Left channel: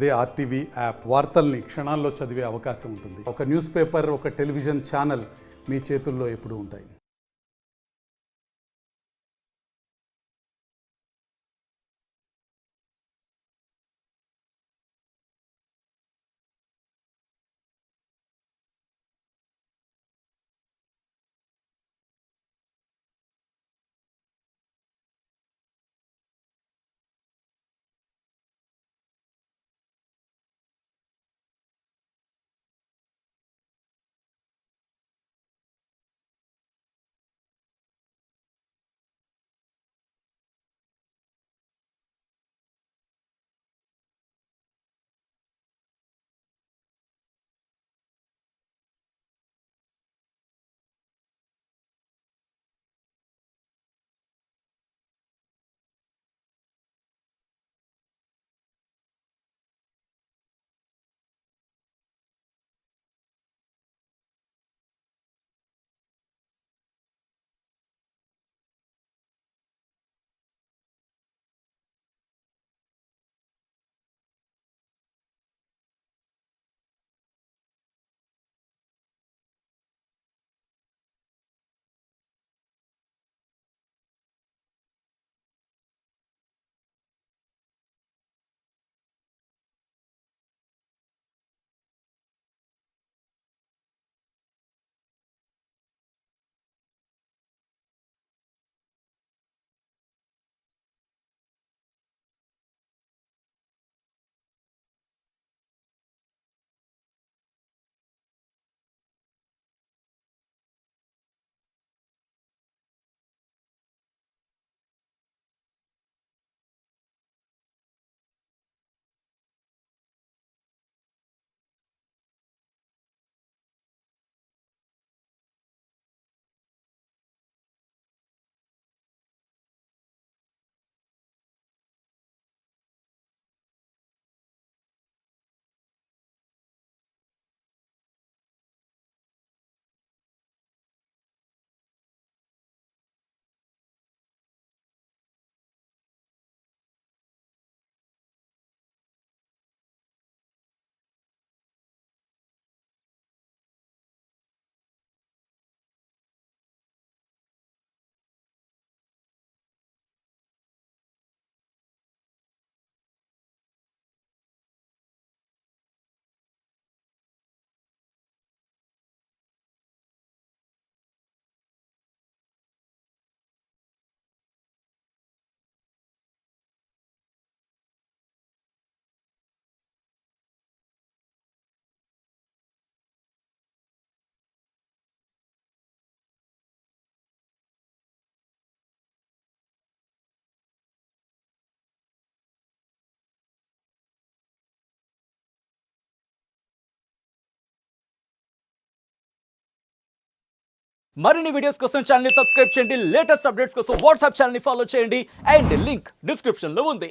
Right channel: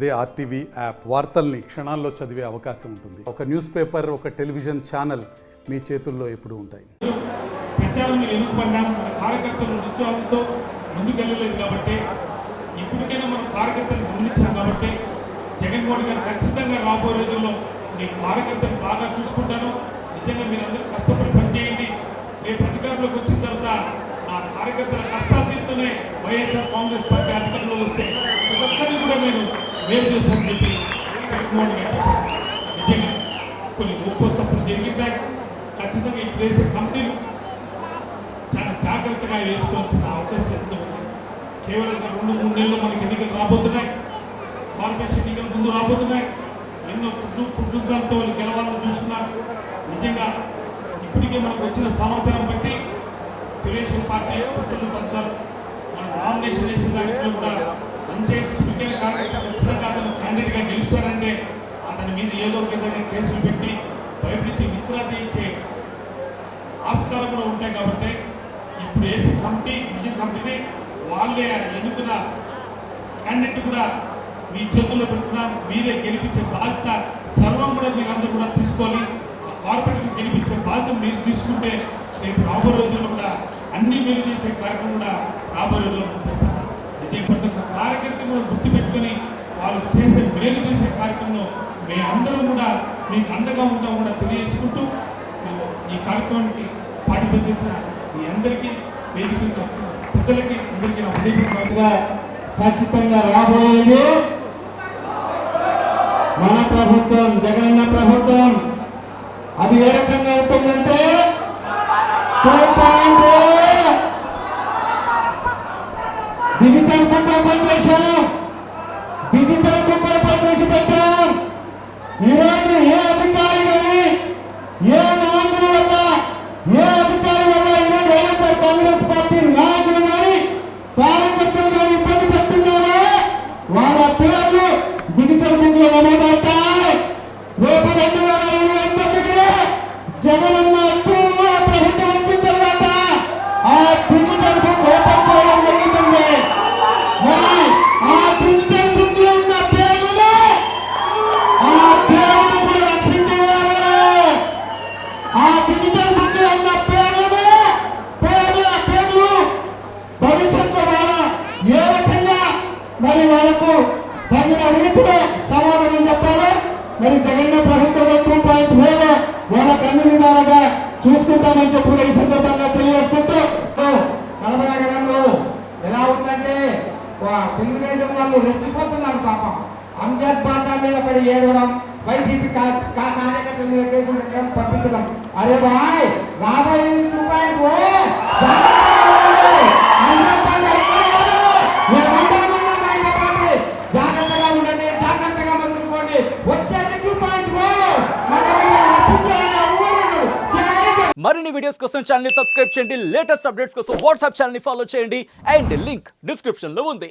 అదే RTV app వార్తల్ని క్షణాల్లో చదివే అవకాశం ఉంటుంది. ఒక న్యూస్ పేపర్, ఒక టెలివిజన్ ఛానల్ మీ చేతుల్లో ఎప్పుడూ ఉంటాయి. ప్రచారం ఎన్నుకుపడినా మన కార్యకర్తలు నిత్యాలతో ముందుకెళ్ళలేదు కాబట్టి ఇప్పటికైనా మన కార్యకర్తలు గమనించాం కాబట్టి జగన్మోహన్ గారు ఖచ్చితంగా రాబోయే రోజుల్లో మీ కార్యకర్తలు బాగా చూసుకుంటాను. నిజంగా మీరందరూ కష్టపడి పనిచేయండి. రేపు అధికారంలోకి వచ్చిన తర్వాత నా కార్యకర్తల కష్టాలు తీరుతూనే వైఎస్ఆర్ కాంగ్రెస్ పార్టీ అధికారంలో వస్తే ఒక్కరిని కూడా నేను వేరు చేశానని చెప్పి జగన్మోహన్ గారు చెప్పారు. నిజంగా కొన్ని గొప్ప తప్పులు జరిగింటాయి. ఖచ్చితంగా ఇప్పుడు వేసే కంపెనీలు చాలా జాగ్రత్తగా వేసుకోవాల్సిన అవకాశం ఎంతో ఉంది. కేవలం 2-3 నెలల్లో మనకి ఎన్నికలు రాబోతున్నాయి. కార్పొరేషన్ ఎన్నికలు ముందు రాబోతున్నాయి. ఎన్నో కుటుంబాలతో వాళ్ళు గెలవాలని చూస్తున్నారు. నిజంగా ఇప్పటికే మనకు వచ్చిన సమాచారం బట్టి తెలుగుదేశం పార్టీ కుటుంబ పంతాలు మన నామినేషన్ వేసిన దాంట్లో కూడా పంచాయతీ చురుకైన కార్యకర్త ఖచ్చితంగా అతను క్యాండిడేట్గా గెలుస్తారంటే అతని మీద ఏదో ఏదైనా కేసులు పెట్టి భయపించి విత్డ్రా చేయించే ఆస్కారం కూడా ఉంటాయి. కాబట్టి ఇప్పుడు వేసే కమిటీ విజన్ కమిటీని వాళ్ళే ఎన్నుకున్న క్యాండిడేట్ కూడా మీ చేతుల్లో పెడుతున్నారు. మీరే గెలిపించే బాధ్యత సర్వం కూడా మీరందరూ కూడా తీసుకోవాలి. ఆ కార్పొరేట్ని గెలిపించే బాధ్యత మీరు తీసుకుంటే రేపు రాబోయే రోజుల్లో కూడా అన్ని మేలు చేసే కార్యక్రమం కూడా రాబోయే రోజుల్లో మనం చేస్తాం. నిజంగా ప్రతి ఒక్క కార్యకర్త కూడా గుర్తుపెట్టుకొని వాళ్ళు చేసే మేలు చేసే కార్యక్రమంలో మేమందరం కూడా మీకు అండగా ఉంటాం కూడా తెలియజేసుకుంటూ ఈ కార్యక్రమానికి పార్టిసిపేట్ చేసిన మీ అందరికీ వేదిక పెద్దలకి అందరికీ నా హృదయపూర్వకంగా ఖచ్చితంగా రాబోయేది మన ప్రభుత్వం, జగనన్న ప్రభుత్వం. అది ఏ రకంగా ఉంటుందంటే 2.0 డిజిటల్ బుక్ ఓపెన్ చేశాం. డిజిటల్ బుక్ ఓపెన్ చేసి పెట్టాం. ఈరోజు ఏ అధికారి కానీ ఏ నాయకుడి వల్ల ఏ అధికారి వల్ల ఈరోజు వైఎస్ఆర్ కాంగ్రెస్ పార్టీ నాయకులు కానీ కార్యకర్తలు కానీ ఇబ్బంది పెడుతున్నారో వాళ్ళ పేర్లు డిజిటల్ బుక్ లో నమోదవుతాయి. రేపు 2029 జగనన్న ప్రభుత్వం వచ్చిన తర్వాత ఆ డిజిటల్ బుక్ ఓపెన్ చేయడం జరుగుతుంది. మరి ఆ డిజిటల్ బుక్ లో ఉన్న పేర్లను ఆ పేర్లను కూడా రక్షించేయాలి. ఆ డిజిటల్ బుక్ లో ఉన్న పేర్లు భవిష్యత్తు వాళ్ళ ఏ రకంగా మరి వాళ్ళకు తగిన రీతిలో సమాధానం చెప్పాలి. మరి జగన్న ప్రభుత్వం 2.0 వాళ్ళకు అన్ని విధాలుగా చూసుకుంటామని చెప్పి ఈ సందర్భంగా తెలియజేసుకుంటూ కడపనగరంలో ఎలా ఉందంటే తెలుగుదేశం వాళ్ళు రెచ్చిపోతున్నారు. పాపం అంజద్ భాష మీద పడి ఏడవడం, వైసీపీ కార్యకర్తల మీద కేసులు పెట్టడం, పంపించడం. అరే బాయ్ రాబోయే 2.0 జాగ్రత్తగా ఉండండి, జాగ్రత్తగా మసులుకోండి. వచ్చేది 2.0 మరిన్ని వీడియోస్ కోసం ఛానల్ ని సబ్స్క్రైబ్ చేయండి. లేటెస్ట్ అప్డేట్స్ కోసం వాట్సాప్ ఛానల్ ని ఫాలో చేయండి. అండ్ లింక్ డిస్క్రిప్షన్ లో ఉంది.